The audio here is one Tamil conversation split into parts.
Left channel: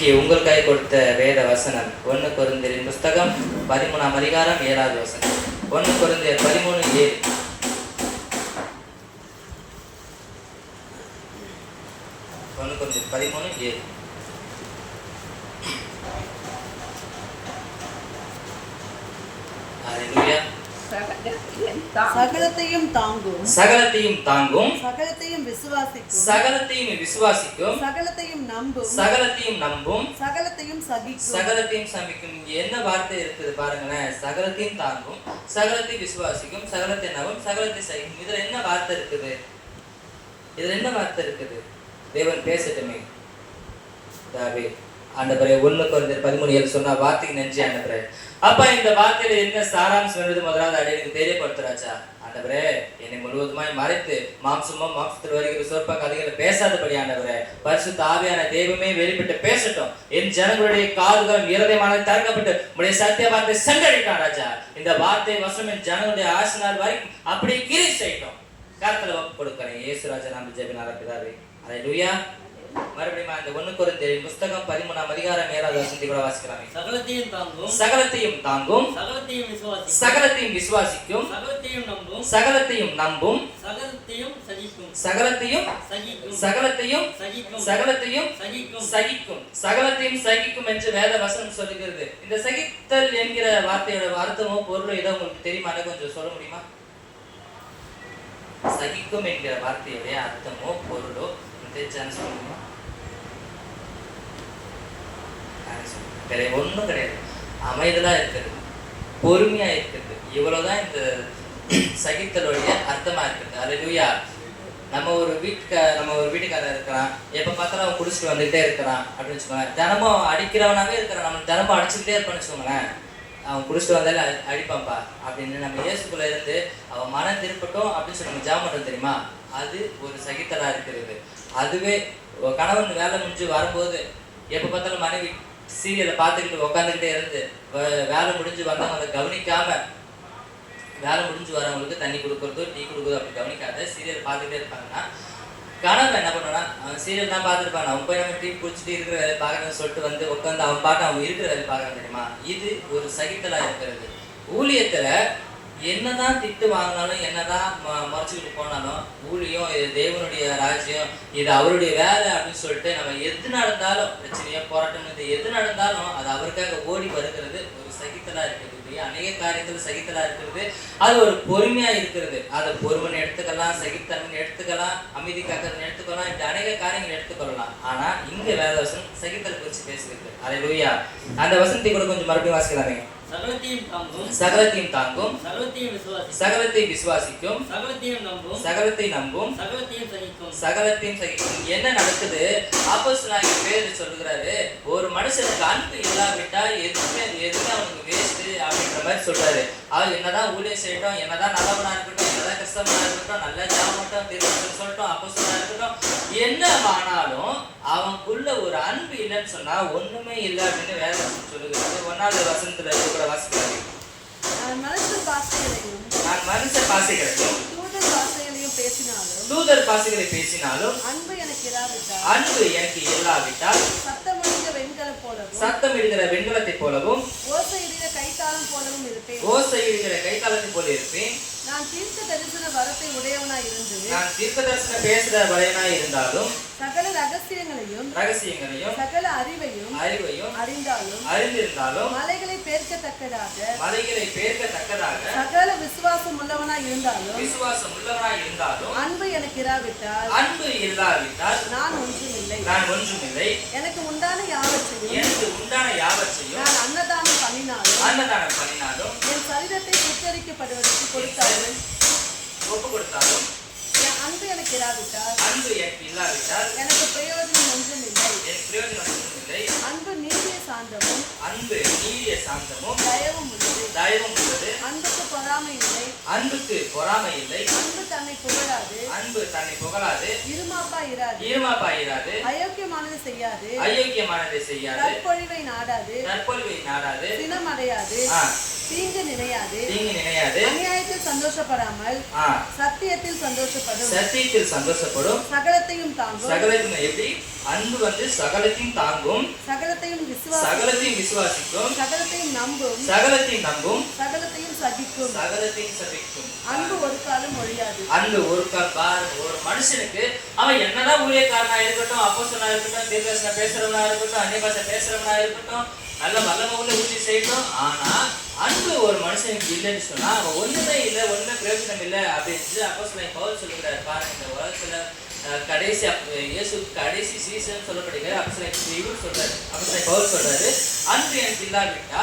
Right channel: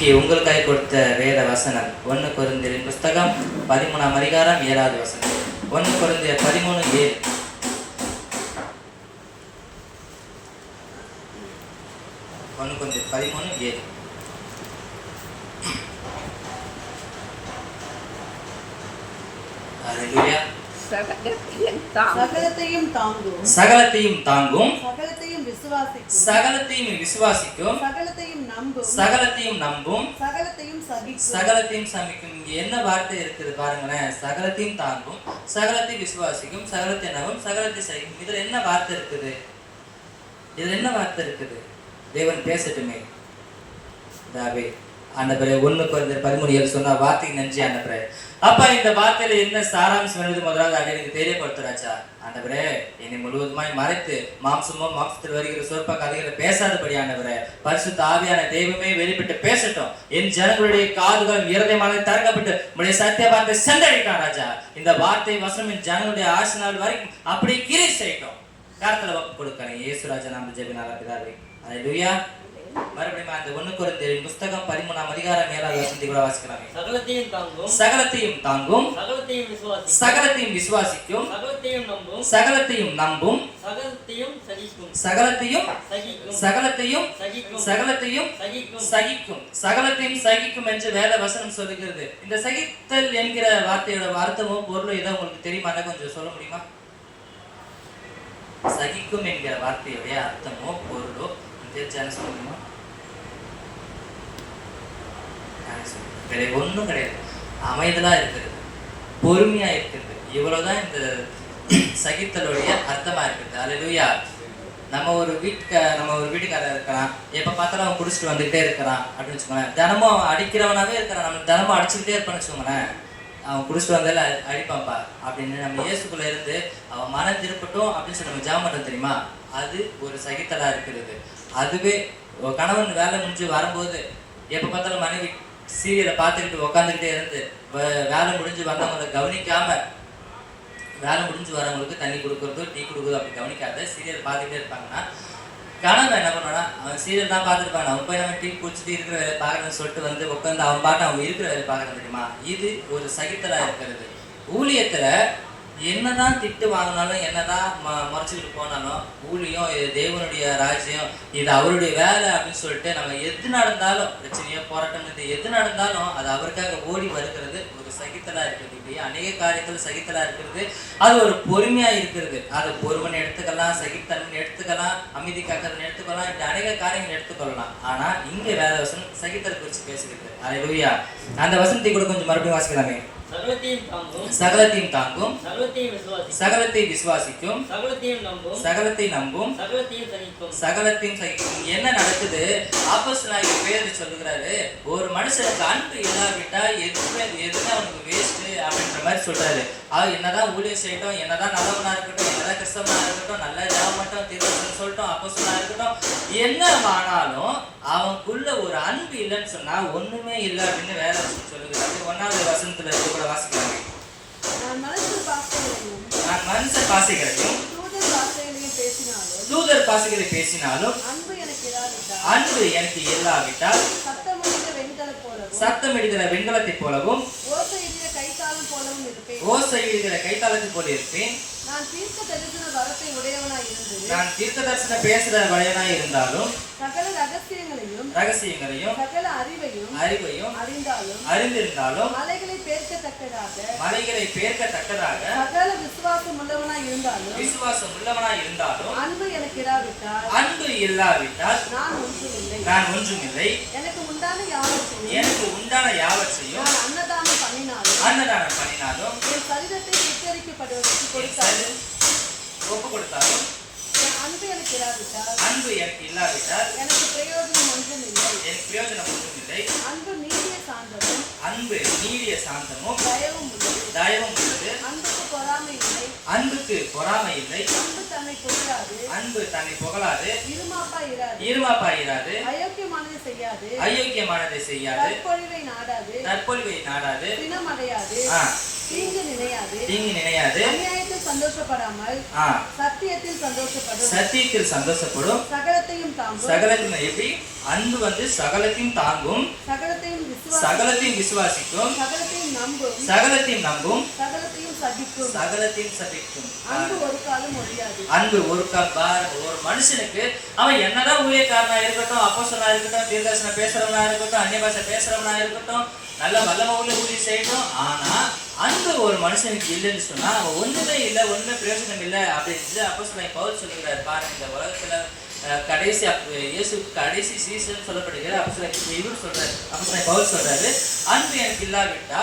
உங்களுக்காக கொடுத்த வேத வசனம் 1 கொரிந்தியரின் புஸ்தகம் 13ஆம் அதிகாரம் 7வது வசனம். 1 கொரிந்தியர் 13:7. 1 கொரிந்தியர் 13:7. ஹalleluya. சகலத்தையும் தாங்கும், சகலத்தையும் தாங்கும், சகலத்தையும் விசுவாசிக்கும், சகலத்தையும் விசுவாசிக்கும், சகலத்தையும் நம்பும், சகலத்தையும் நம்பும், சகலத்தையும் சகிக்கும், சகலத்தையும் சமிக்கும். இங்க என்ன வார்த்தை இருக்குது பாருங்களேன். சகலத்தையும் தாங்கும், சகலத்தையும் விசுவாசிக்கும், சகலத்தையும் நம்பும், சகலத்தையும் சகிக்கும். இதுல என்ன வார்த்தை இருக்குது? இதுல என்ன வார்த்தை இருக்குது? தேவன் பேசட்டுமே. தாவே ஆண்டவரே 1 கொரிந்தியர் 13:7 சொன்ன வார்த்தைக்கு நன்றி ஆண்டவரே. அப்பா இந்த வார்த்தையில என்ன சாராம்சம் வருது முதலாவது அதை எனக்கு தெரியப்படுத்துறாச்சா ஆண்டவரே. என்னை முழுவதுமாய் மறைத்து மாம்சத்தில் வருகிற சொற்ப கதைகளை பேசாதபடி ஆண்டவரே, பரிசுத்த ஆவியான தெய்வமே வெளிப்பட்டு பேசட்டும். என் ஜனங்களுடைய காதுகளும் இருதயமான திறக்கப்பட்டு உடைய சத்திய வார்த்தை சென்றடிட்டான் ராஜா. இந்த வார்த்தை வசனம் என் ஜனங்களுடைய ஆசை நாள் வரைக்கும் அப்படியே கிரி செய்யட்டும். கருத்துல வப்பு கொடுக்கிறேன் இயேசு ராஜா நாம ஜெபினால பிதாவே. ஹalleluya. மறுபடியும் அந்த 1 கொரிந்தியரின் புஸ்தகம் 13ஆம் அதிகாரம் 7வது வசனத்தை கூட வாசிக்கலாம். சகலத்தையும் தாங்கும், சகலத்தையும் தாங்கும், சகலத்தையும் விசுவாசிக்கும், சகலத்தையும் விசுவாசிக்கும், சகலத்தையும் நம்பும், சகலத்தையும் நம்பும், சகலத்தையும் சகிக்கும், சகலத்தையும் சகிக்கும், சகலத்தையும் சகிக்கும், சகலத்தையும் சகிக்கும், சகிக்கும், சகலத்தையும் சகிக்கும் என்று வேத வசனம் சொல்லுகிறது. இந்த சகித்தல் என்கிற வார்த்தையோட அர்த்தமோ பொருளோ ஏதோ உங்களுக்கு தெரியுமா? கொஞ்சம் சொல்ல முடியுமா? சகிக்கும் என்கிற வார்த்தையுடைய அர்த்தமோ பொருளோ தெரிஞ்சான்னு சொல்லுமா? கிடையாது, ஒன்றும் கிடையாது. அமைதலா இருக்கிறது, பொறுமையா இருக்கிறது, இவ்வளவுதான் இந்த சகித்தலுடைய அர்த்தமா இருக்குது. ஹalleluya. நம்ம ஒரு வீட்டுக்காரர் இருக்கிறான், எப்ப பார்த்தாலும் அவன் குடிச்சிட்டு வந்துகிட்டே இருக்கிறான் அப்படின்னு வச்சுக்கோங்களேன். தினமும் அடிக்கிறவனாவே இருக்கிறான், நம்ம தினமும் அடிச்சுக்கிட்டே இருப்பான்னு வச்சுக்கோங்களேன். அவன் குடிச்சிட்டு வந்தால அடிப்பான்ப்பா அப்படின்னு நம்ம இயேசுக்குள்ள இருந்து அவன் மனம் திருப்பட்டும் அப்படின்னு சொல்லி நம்ம ஜெபம் பண்றோம் தெரியுமா? அது ஒரு சகித்தலா இருக்கிறது. அதுவே கணவன் வேலை முடிஞ்சு வரும்போது எப்ப பார்த்தாலும் மனைவி சீரியலை பார்த்துக்கிட்டு உட்காந்துக்கிட்டே இருந்து வேலை முடிஞ்சு வந்தவங்களை கவனிக்காம, வேலை முடிஞ்சு வரவங்களுக்கு தண்ணி கொடுக்குறதோ டீ கொடுக்குறதோ அப்படி கவனிக்காத சீரியல் பார்த்துக்கிட்டே இருப்பாங்கன்னா, கணவன் என்ன பண்ணுவானா, அவன் சீரியல் தான் பார்த்துருப்பான், அவன் போய் நம்ம டீ குடிச்சிட்டு இருக்கிற வேலை பார்க்கறதுன்னு சொல்லிட்டு வந்து உட்காந்து அவன் பாட்டு அவன் இருக்கிற வேலை பார்க்கறது தெரியுமா? இது ஒரு சகித்தலா இருக்கிறது. ஊழியத்துல என்னதான் திட்டு வாங்கினாலும், என்னதான் முறைச்சிக்கிட்டு போனாலும், ஊழியம் இது தேவனுடைய ராஜ்யம், இது அவருடைய வேலை அப்படின்னு சொல்லிட்டு நம்ம எது நடந்தாலும், பிரச்சனையோ போராட்டம் எது நடந்தாலும் அது அவருக்காக ஓடி வருகிறது ஒரு சகித்தலா இருக்கிறது. இப்படியே அநேக காரியங்கள் சகித்தலா இருக்கிறது. அது ஒரு பொறுமையா இருக்கிறது. அதை பொறுமைன்னு எடுத்துக்கலாம், சகித்தன்மை எடுத்துக்கலாம், அமைதி காக்கிறதுன்னு எடுத்துக்கலாம், இப்படி அநேக காரியங்கள் எடுத்துக்கொள்ளலாம். ஆனா இங்க வேத வசனம் சகித்தலை குறித்து பேசுகிறது. ஹalleluya. அந்த வசனத்தை கூட கொஞ்சம் மறுபடியும் வாசிக்கலாமே. சகலத்தையும் தாங்கும், சகலத்தையும் தாங்கும், சகலத்தையும் விசுவாசிக்கும், சகலத்தை விசுவாசிக்கும், சகலத்தையும் நம்பும், சகலத்தை நம்பும், சகலத்தையும் சகிக்கும், சகலத்தையும் சகிக்கும். என்ன நடக்குது? அப்போஸ்தலனாகிய பேதுரு சொல்லுகிறாரு, ஒரு மனுஷனுக்கு அன்பு இல்லாவிட்டா எதுவுமே அவனுக்கு வேஸ்ட் அப்படின்ற மாதிரி சொல்றாரு. அவன் என்னதான் ஊழியம் செய்யட்டும், என்னதான் நல்லவனா இருக்கட்டும், என்னதான் கிறிஸ்தவனா இருக்கட்டும், நல்லா ஜாபம் மட்டும் திரும்ப சொல்லட்டும், அப்போஸ்தலனா இருக்கட்டும், என்ன ஆனாலும் அவனுக்குள்ள ஒரு அன்பு இல்லைன்னு சொன்னா ஒண்ணுமே இல்லை அப்படின்னு வேற வசனம் சொல்லுகிறாரு. 1வது வசனத்துல கூட வாசிக்கிறாங்க. நான் மனுஷ பாசைகளையும் தூதர் பாசைகளை பேசினாலும் அன்பு எனக்கு இல்லாவிட்டால் சத்தம் இடுகிற வெண்கலத்தை போலவும் ஓசை இடுகிற கைத்தாளத்தை போல இருப்பேன். நான் தீர்க்க தரிசன வரத்தை உடையவனாய் இருந்து, நான் தீர்க்க தரிசனம் பேசுற வரையனாய் இருந்தாலும், சகல ரகசியங்களையும் சகல அறிவையும் அறிந்திருந்தாலும், மலைகளை பேர்க்கத்தக்கதாக சகல விசுவாசம் உள்ளவனாய் இருந்தாலும், அன்பு எனக்கு இல்லாவிட்டால் நான் ஒன்றுமில்லை. எனக்கு உண்டான யாவற்றையும் நான் அன்னதானம் பண்ணினாலும், ஒரு சரீரத்தை சுத்தரிக்கப்படுவதற்கு ஒப்பு கொடுத்தாலும், அன்பு எனக்கு இல்லாவிட்டால் எனக்கு பிரயோஜனம் ஒன்றுமில்லை. அன்பு நீடிய சாந்தமும் தயவும் உள்ளது. அன்புக்கு பொறாமை இல்லை. அன்பு தன்னை புகழாது. இருமாப்பாயிராது. அயோக்கியமானதை செய்யாது. தற்பொழிவை நாடாது. தீங்கு நினையாது. சந்தோஷப்படாமல் ஆ, சத்தியத்தில் சந்தோஷப்படும். சத்தியத்தில் சந்தோஷப்படும். சகலத்தையும் தாங்கும். சகலத்தையும் எப்படி? அன்பு சகலத்தையும் தாங்கும், சகலத்தையும் விசுவாசிக்கும். சகலத்தையும் விசுவாசிக்கும், சகலத்தையும் நம்பும். சகலத்தையும் நம்பும், சகலத்தையும் சகிக்கும். சகலத்தையும் சபிக்கும். அன்பு ஒரு காலம் ஒழியாது. அன்பு ஒரு ஒரு மனுஷனுக்கு அவன் என்னதான் ஊழியக்காரனா இருக்கட்டும், அப்போஸ்தலனா இருக்கட்டும், தீர்க்கதரிசனம் பேசுறவனா இருக்கட்டும், அந்நிய பாஷை பேசுறவனா இருக்கட்டும், நல்ல வல்லமை உள்ள ஊழியம் செய்யட்டும், ஆனா அன்பு ஒரு மனுஷனுக்கு இல்லைன்னு சொன்னா அவன் ஒண்ணுமே இல்லை, ஒண்ணுமே பிரயோஜனம் இல்லை அப்படின்னு அப்போஸ்தலன் பவுல் சொல்லுகிறார். பாருங்க, இந்த உலகத்துல கடைசி இயேசு கடைசி சீசன் சொல்லப்படுகிற அப்போஸ்தலன் இவர் சொல்றாரு, அப்போஸ்தலன் பவுல் சொல்றாரு, அன்பு எனக்கு இல்லாவிட்டா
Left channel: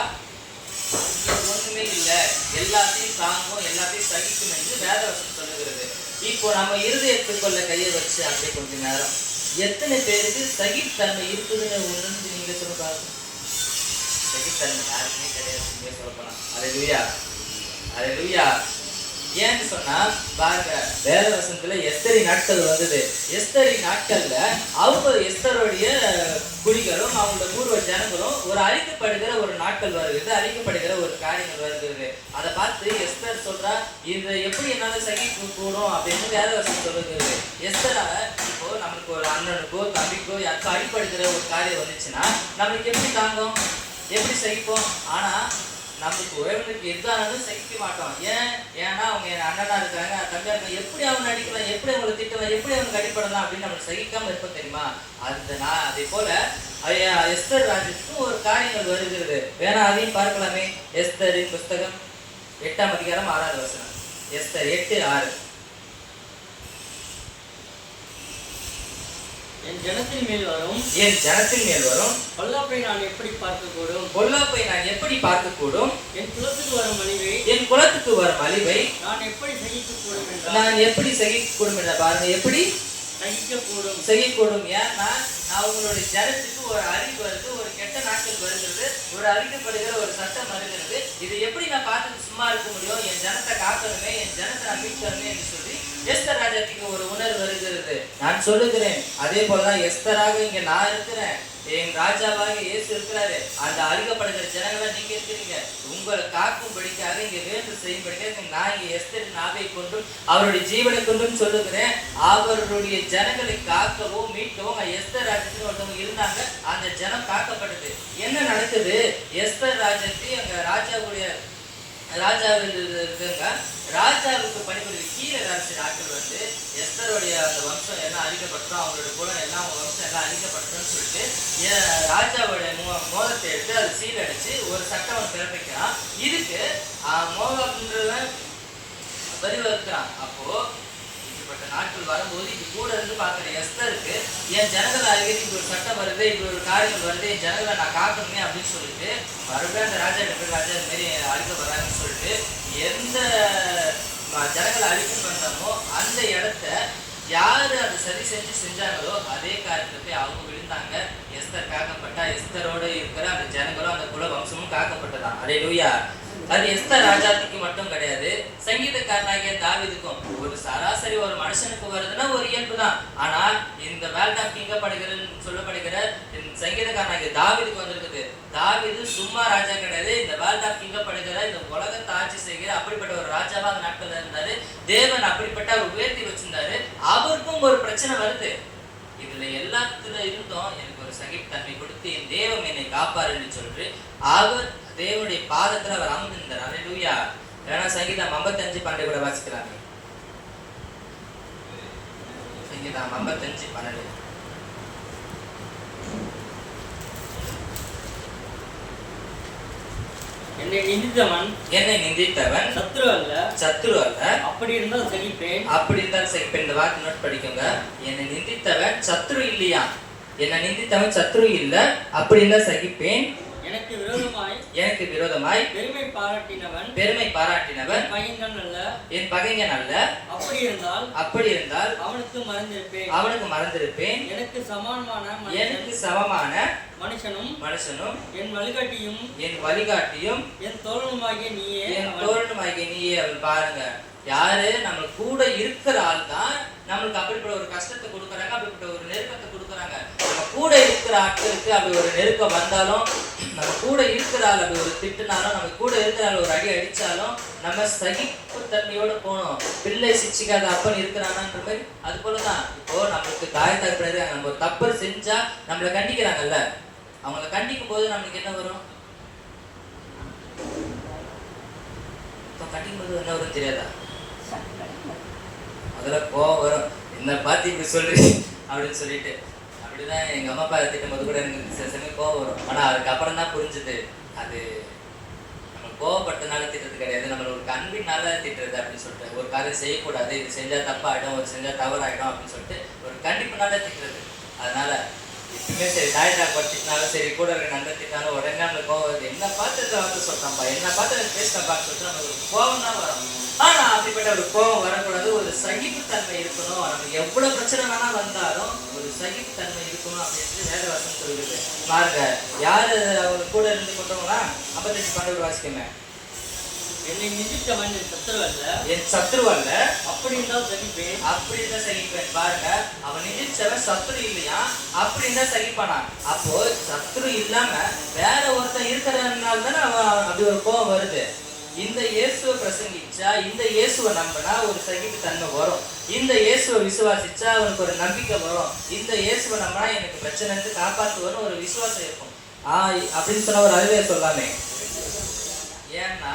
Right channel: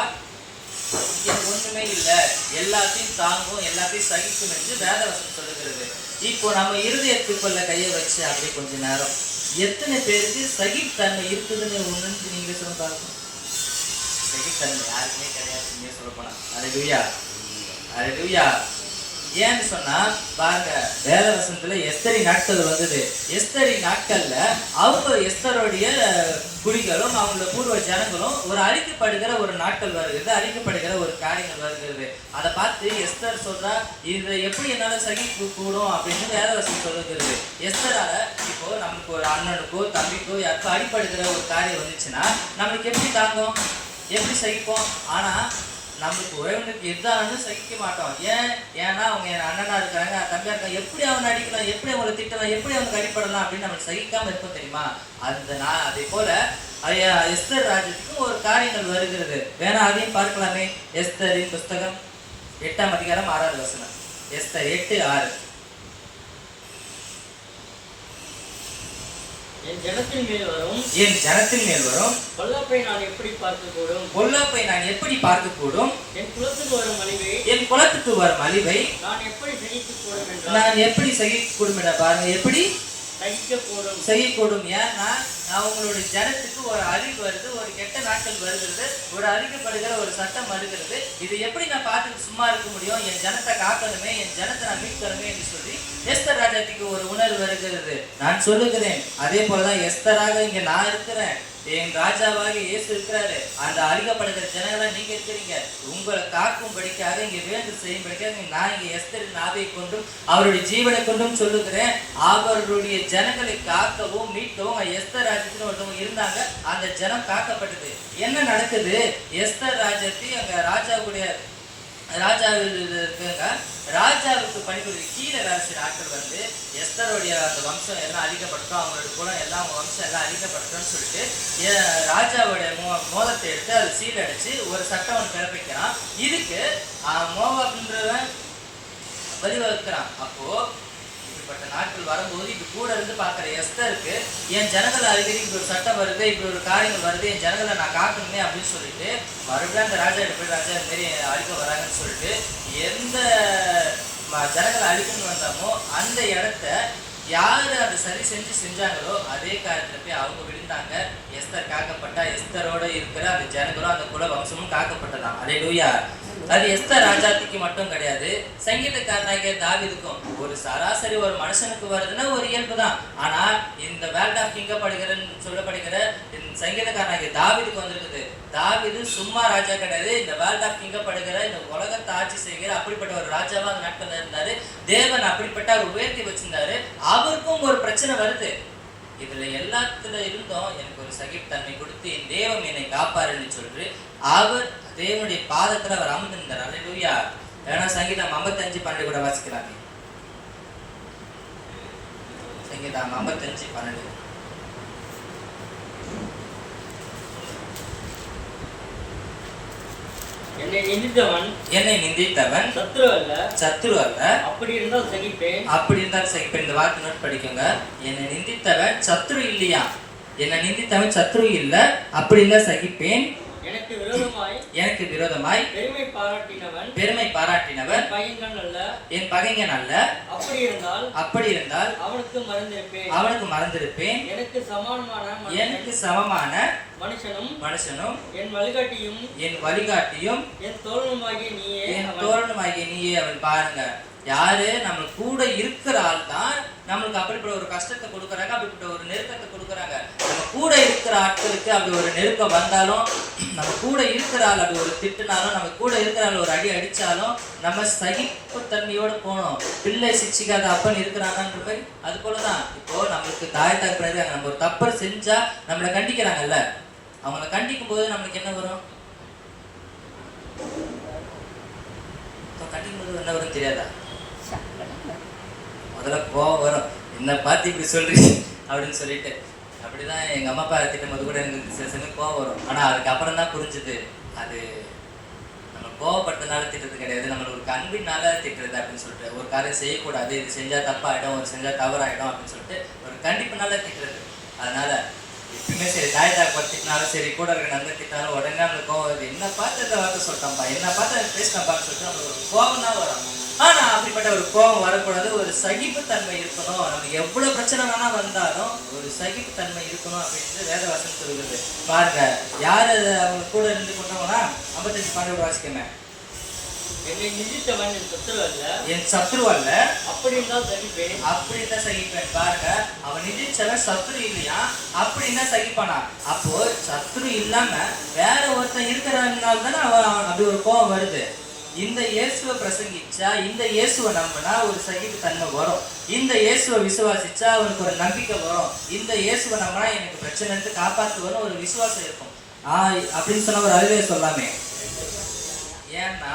ஒண்ணுமே இல்லை, எல்லாத்தையும் தாங்கும், எல்லாத்தையும் சகிக்கும் என்று வேதவசனம் சொல்லுகிறது. இப்போ நம்ம இருதயத்துக்குள்ள கையை வச்சு அப்படியே கொஞ்ச நேரம் எத்தனை பேருக்கு சகித்தன்மை இருக்குதுன்னு உணர்ந்து நீங்க சொல்ல பாருங்க. சகித்தன்மை யாருக்குமே கிடையாது, நீங்க சொல்ல போனா. அல்லேலூயா, அல்லேலூயா. ஏன்னு சொன்னா பாருங்க, வேதவசனத்துல எஸ்தரி நாட்கள் வந்தது. எஸ்தரி நாட்கள்ல அவங்க எஸ்தருடைய குடிகளும் அவங்களோட பூர்வ ஜனங்களும் ஒரு அழிக்கப்படுகிற ஒரு நாட்கள் வருகிறது, அழிக்கப்படுகிற ஒரு காரியங்கள் வருகிறது. அதை பார்த்து எஸ்தர் சொல்றா, இது எப்படி என்னால சகிக்க கூடும் அப்படின்னு வேதவசனம் சொல்லுகிறது. எஸ்தரால இப்போ நமக்கு ஒரு அண்ணனுக்கோ தம்பிக்கோ யாருக்கோ அடிப்படுகிற ஒரு காரியம் வந்துச்சுன்னா நம்மளுக்கு எப்படி தாங்கும், எப்படி சகிப்போம்? ஆனா நம்மளுக்கு உறவினருக்கு எதானது சகிக்க மாட்டோம். ஏன்னா அவங்க அண்ணனா இருக்காங்க, தம்பியா இருக்காங்க, எப்படி அவங்க அடிக்கலாம், எப்படி அவங்களை திட்டலாம், எப்படி அவங்க அடிப்படலாம் அப்படின்னு நம்மளுக்கு சகிக்காம இருப்போம் தெரியுமா? அதே போல எஸ்தர் ராஜத்துக்கு ஒரு காரியங்கள் வருகிறது. வேணா அதையும் பார்க்கலாமே. எஸ்தரின் புஸ்தகம் 8ஆம் அதிகாரம் 6வது வசனம். எஸ்தர் 8:6. என் ஜனத்தின் மேல் வரும், என் ஜனத்தின் மேல் வரும் பொல்லாப்பை நான் எப்படி பார்க்கக்கூடும், பொல்லாப்பை நான் எப்படி பார்க்கக்கூடும், என் குலத்துக்கு வரும் அழிவை என் குலத்துக்கு வரும் அழிவை நான் எப்படி சகிக்கக்கூடும் என்றால், நான் எப்படி சகிக்கக்கூடும் என்ற பாருங்க, எப்படி சகிக்கக்கூடும், செய்யக்கூடும். ஏன்னா அவங்களுடைய ஜனத்துக்கு ஒரு அறிவு வருது, ஒரு கெட்ட நாட்கள் வருகிறது, ஒரு அறிக்கப்படுகிற ஒரு சட்டம் வருகிறது. இது எப்படி நான் பார்த்துட்டு சும்மா இருக்க முடியும், என் ஜனத்தை காக்கணுமே, என் ஜனத்தை நான் மீட்கணுமே என்று சொல்லி எஸ்தர் ராஜாத்திக்கு ஒரு உணர்வு வருகிறது. நான் சொல்லுகிறேன், அதே போலதான் எஸ்தராக இங்க நான் இருக்கிறேன், என் ராஜாவாக இயேசு இருக்கிறாரு, அந்த அழிக்கப்படுகிற ஜனங்களா நீங்க இருக்கிறீங்க. உங்களை காக்கும்படிக்காக இங்க வேண்டு செய்யும்படிக்காக நான் இங்க எஸ்தரின் ஆவியை கொண்டும் அவருடைய ஜீவனை கொண்டும் சொல்லுகிறேன். அவருடைய ஜனங்களை காக்கவும் மீட்கவும் எஸ்தர் ராஜ்யத்துக்கு ஒருத்தவங்க இருந்தாங்க. அந்த ஜனம் காக்கப்பட்டது. என்ன நடக்குது? எஸ்தர் ராஜ்யத்தை அங்க ராஜாவில் இருக்காங்க. ராஜாவுக்கு பணிபுரிய கீழே ராசி நாட்கள் வந்து எஸ்தருடைய அந்த வம்சம் எல்லாம் அழிக்கப்பட்டோம், அவங்களுடைய குலம் எல்லாம் அவங்க வம்சம் எல்லாம் அழிக்கப்பட்டோம்னு சொல்லிட்டு ராஜாவுடைய மோதத்தை எடுத்து அதை சீல் அடிச்சு ஒரு சட்டம் பிறப்பிக்கிறான். இதுக்கு மோகன்றவன் வரிவகுக்கிறான். அப்போ இப்படிப்பட்ட நாட்கள் வரும்போது இப்ப கூட இருந்து பார்க்குற எஸ்தருக்கு என் ஜனங்களை அழிக்கிறது இப்படி ஒரு சட்டம் வருது, இப்படி ஒரு காரியங்கள் வருது, என் ஜனங்களை நான் காக்கணுமே அப்படின்னு சொல்லிட்டு மறுபடியும் அந்த ராஜா எப்படி ராஜா இந்த மாதிரி அழிக்க வராங்கன்னு சொல்லிட்டு எந்த ஜனங்களை அழிக்கணும்னு வந்தாமோ அந்த இடத்த யாரு அதை சரி செஞ்சாங்களோ அதே காரியத்துக்கு அவங்க விழுந்தாங்க. எஸ்தர் காக்கப்பட்டா. எஸ்தரோட இருக்கிற அந்த ஜனங்களும் அந்த குல வம்சமும் காக்கப்பட்டதான். அல்லேலூயா. அது எஸ்தர் ராஜாத்திக்கு மட்டும் கிடையாது, சங்கீதக்காரனாகிய தாவீதுக்கும். ஒரு சராசரி ஒரு மனுஷனுக்கு வருதுன்னா ஒரு இயல்பு தான். ஆனா இந்த வேர்ல்ட் ஆஃப் கிங்கப்படுகிற சொல்லப்படுகிற சங்கீதக்காரனாகிய தாவீதுக்கு வந்திருக்குது. தாவீது சும்மா ராஜா கிடையாது, இந்த வேர்ல்ட் ஆஃப் கிங்கப்படுகிற இந்த உலகத்தை ஆட்சி செய்கிற அப்படிப்பட்ட ஒரு ராஜாவா அந்த நாட்கள்ல இருந்தாரு. தேவன் அப்படிப்பட்ட அவர் உயர்த்தி வச்சிருந்தாரு. அவருக்கும் ஒரு பிரச்சனை வருது. இதுல எல்லாத்துல இருந்தும் எனக்கு ஒரு சகிப்புத்தன்மை கொடுத்து என் தேவன் என்னை காப்பாருன்னு சொல்லிட்டு அவர் தேவனுடைய பாதத்துல அவர் அமர்ந்திருந்தார். அல்லேலூயா. ஏன்னா சங்கீதம் 55:12 கூட வாசிக்கிறாங்க. சங்கீதம் 55:12. என்னை நிந்தித்தவன் சத்துரு அல்ல, அப்படி இருந்தால் சகிப்பேன். இந்த வார்த்தை நோட் படிக்கோங்க. என்னை நிந்தித்தவன் சத்துரு இல்லையா, என்னை நிந்தித்தவன் சத்துரு இல்ல, அப்படி இல்ல சகிப்பேன். எனக்கு விரோதமாய் பெருமை பாராட்டினவன் என் பகைஞன் அல்ல, அப்படி இருந்தால் அவனுக்கு மறந்திருப்பேன். எனக்கு சமமான மனுஷனும் என் வழிகாட்டியும் என் தோழனுமாகிய நீயே. அவன் பாருங்க, யாரு நம்ம கூட இருக்கிற ஆள் தான் நம்மளுக்கு அப்படிப்பட்ட ஒரு கஷ்டத்தை கொடுக்குறாங்க, அப்படிப்பட்ட ஒரு நெருக்கத்தை கொடுக்குறாங்க. நம்ம கூட இருக்கிற ஆட்களுக்கு அப்படி ஒரு நெருக்கம் வந்தாலும், நம்ம கூட இருக்கிற ஆள் அப்படி ஒரு திட்டுனாலும், நம்ம கூட இருக்கிற ஆள் ஒரு அடி அடிச்சாலும் நம்ம சகிப்பு தன்மையோட போகணும். பிள்ளை சிச்சிக்காத அப்பன் இருக்கிறாங்கன்ற மாதிரி அது போலதான். இப்போ நம்மளுக்கு தாய் தகப்பன் இருக்காங்க, நம்ம ஒரு தப்பு செஞ்சா நம்மளை கண்டிக்கிறாங்கல்ல, அவங்கள கண்டிக்கும் போது நம்மளுக்கு என்ன வரும்? கண்டிக்கும் போது என்ன வரும் தெரியாதா? முதல்ல கோவம் வரும், என்ன பார்த்து இப்படி சொல்றீங்க அப்படின்னு சொல்லிட்டு. அப்படிதான் எங்க அம்மா அப்பா திட்டம் போது கூட எனக்கு சில சமயம் கோவம் வரும். ஆனா அதுக்கப்புறம் தான் புரிஞ்சுது, அது நம்ம கோவப்படுறதுனால திட்டுறது கிடையாது, நம்மள ஒரு அன்பினால திட்டுறது அப்படின்னு சொல்லிட்டு. ஒரு காரியம் செய்யக்கூடாது, இது செஞ்சா தப்பாயிடும், ஒரு செஞ்சா தவறாயிடும் அப்படின்னு சொல்லிட்டு ஒரு கண்டிப்புனால திட்டுறது. அதனால எப்பயுமே சரி, தாய் தாக்கு திட்டினாலும் சரி, கூட இருக்க நண்பர் திட்டாலும் உடனே நம்மளுக்கு கோவம் வருது. என்ன பார்த்து இந்த வார்த்தை சொல்லிட்டான்ப்பா, என்ன பார்த்து பேசினப்பான்னு சொல்லிட்டு நம்மளுக்கு ஒரு கோவம் தான் வரும். ஆனா அப்படிப்பட்ட ஒரு கோபம் வரக்கூடாது, ஒரு சகிப்புத்தன்மை இருக்கணும். நமக்கு எவ்வளவு பிரச்சனை வேணா வந்தாலும் ஒரு சகிப்புத்தன்மை இருக்கணும் அப்படின்ட்டு வேதவசனம் சொல்லுது. பாருங்க, யாரு அவங்க கூட இருந்து கொண்டவங்கன்னா 55 வாசிக்கங்க. என்னை நிந்தித்தவன் என் சத்துரு அல்ல, என் சத்ரு அல்ல, அப்படின்னு தான் சகிப்பேன், அப்படின்னு தான் சகிப்பேன். பாருங்க, அவன் நிதிச்சவன் சத்ரு இல்லையா, அப்படின்னு தான் சகிப்பானா. அப்போ சத்ரு இல்லாம வேற ஒருத்தன் இருக்கிறதுனால தானே அவன் அப்படி ஒரு கோபம் வருது. இந்த இயேசுவை பிரசங்கிச்சா, இந்த இயேசுவை நம்பினா ஒரு சகிப்பு தன்மை வரும். இந்த இயேசுவை விசுவாசிச்சா அவனுக்கு ஒரு நம்பிக்கை வரும். இந்த இயேசுவை நம்பினா எனக்கு பிரச்சனை காப்பாற்றுவன்னு ஒரு விசுவாசம் இருக்கும். அப்படின்னு சொன்ன ஒரு அறிவே சொல்லாமே. ஏன்னா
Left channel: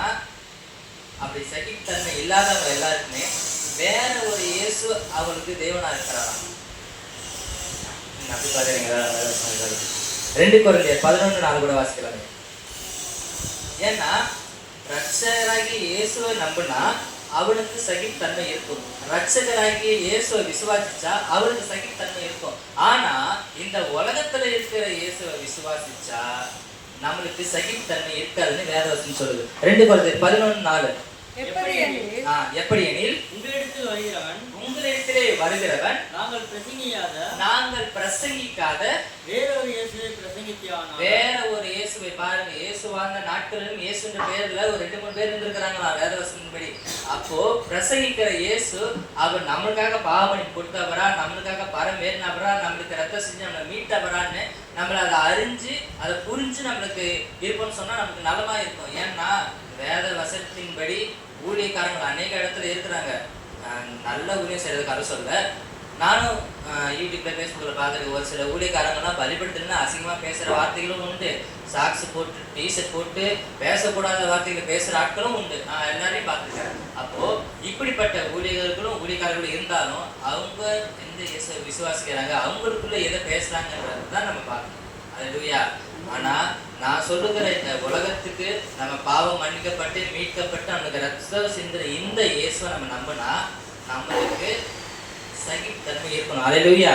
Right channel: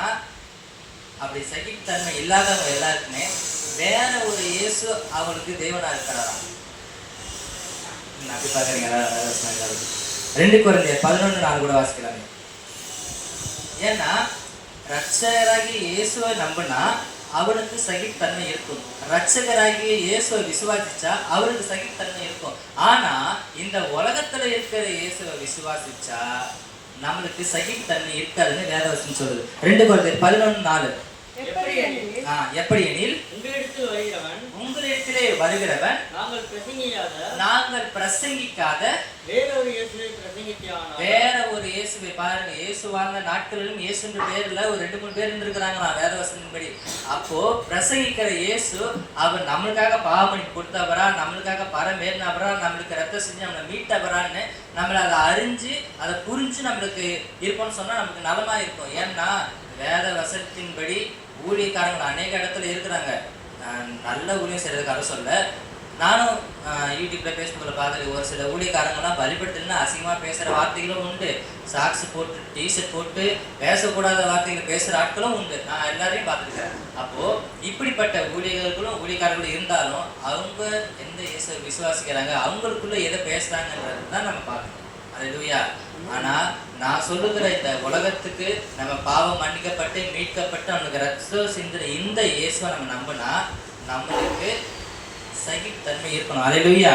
அப்படி சகிப்பு தன்மை இல்லாதவங்க எல்லாருக்குமே வேற ஒரு இயேசு அவனுக்கு தேவனா இருக்கிறாராம். அப்படி பாக்குறீங்களா? 2 கொரிந்தியர் 11:4 கூட வாசிக்கலாமே. ஏன்னா ரட்சகராகிய இயேசுவை நம்பினா அவனுக்கு சகிப்புத்தன்மை இருக்கும். ரட்சகராகிய இயேசுவை விசுவாசிச்சா அவருக்கு சகிப்புத்தன்மை இருக்கும். ஆனா இந்த உலகத்துல இருக்கிற இயேசுவை விசுவாசிச்சா நம்மளுக்கு சகிப்புத்தன்மை இருக்காதுன்னு வேதவசனம் சொல்லுது. 2 கொரிந்தியர் 11:4. எப்படி எனில் உங்களிடத்திலே வருகிறவன் நாங்கள் பிரசங்கிக்காத வேற ஒரு இயேசுவை. பாருங்க, இயேசு வாழ்ந்த நாட்களிலும் இயேசுன்ற பேர்ல ஒரு 2-3 பேர் இருந்திருக்கிறாங்களா வேதவசனத்தின்படி. அப்போ பிரசங்கிக்கிற இயேசு அவர் நம்மளுக்காக பாவமணி கொடுத்தவரா, நம்மளுக்காக பரமேறினவரா, நம்மளுக்கு ரத்த செஞ்சு நம்மளை மீட்டவரான்னு நம்மளை அதை அறிஞ்சு அதை புரிஞ்சு நம்மளுக்கு இருப்போம்னு சொன்னா நமக்கு நலமா இருக்கும். ஏன்னா வேத வசனத்தின்படி ஊழியக்காரங்கள் அநேக இடத்துல இருக்கிறாங்க, நல்ல ஊழியம் செய்யறதுக்காக சொல்ல. நானும் யூடியூப்ல பேஸ்புக்ல பார்த்துட்டு ஒரு சில ஊழியக்காரங்களாம் பலிபட்டுன்னு அசிங்கமா பேசுற வார்த்தைகளும் உண்டு. சாக்ஸ் போட்டு டிஷர்ட் போட்டு பேசக்கூடாத வார்த்தைகளை பேசுற ஆட்களும் உண்டு. நான் எல்லாரையும் பார்த்துருக்கேன். அப்போ இப்படிப்பட்ட ஊழியக்காரர்களும் இருந்தாலும் அவங்க எந்த இயேசுவை விசுவாசிக்கிறாங்க, அவங்களுக்குள்ள எதை பேசுறாங்கன்றது தான் நம்ம பார்க்கணும். அல்லேலூயா. ஆனா நான் சொல்லுகிற இந்த உலகத்துக்கு நம்ம பாவம் மன்னிக்கப்பட்டு மீட்கப்பட்டு நம்மளுக்கு ரத்தம் சிந்துற இந்த இயேசுவை நம்ம நம்பினா நம்மளுக்கு சகிப்புத்தன்மை இருக்கணும். அல்லேலூயா,